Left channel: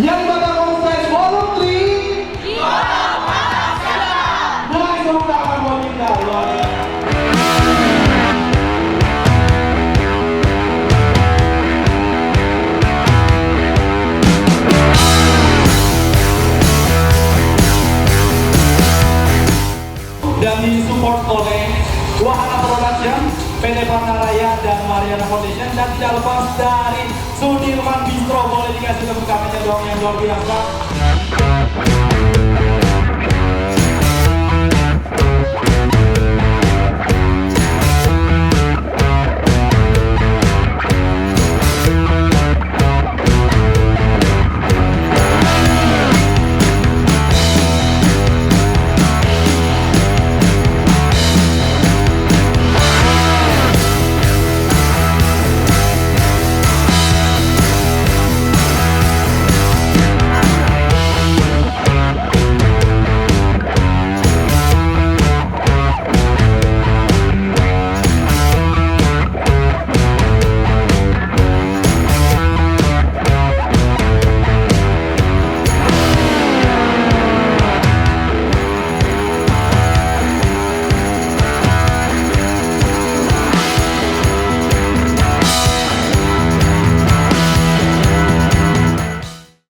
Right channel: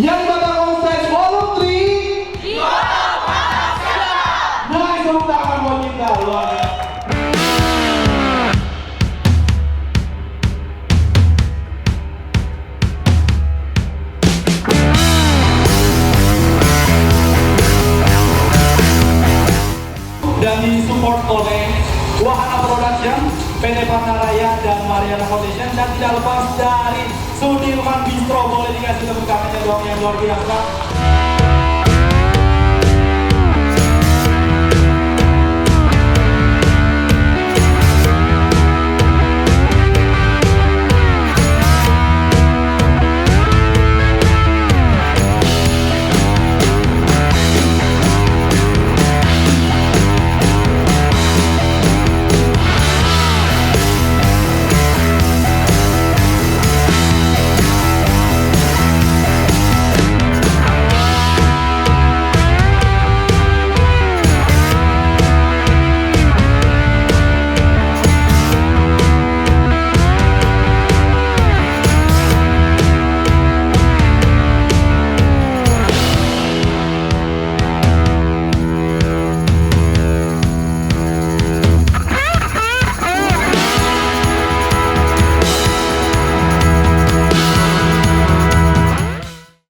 Yang bakal on stage volume 3 nice, tepuk tangan buat kita, luar biasa. Dan disupport oleh Wahana Production, PT Panaraya dan Mariana Foundation, dan tidak lepas dari Sudirman Bistro. Boleh dikasih tepuk tangannya dong yang luar biasa.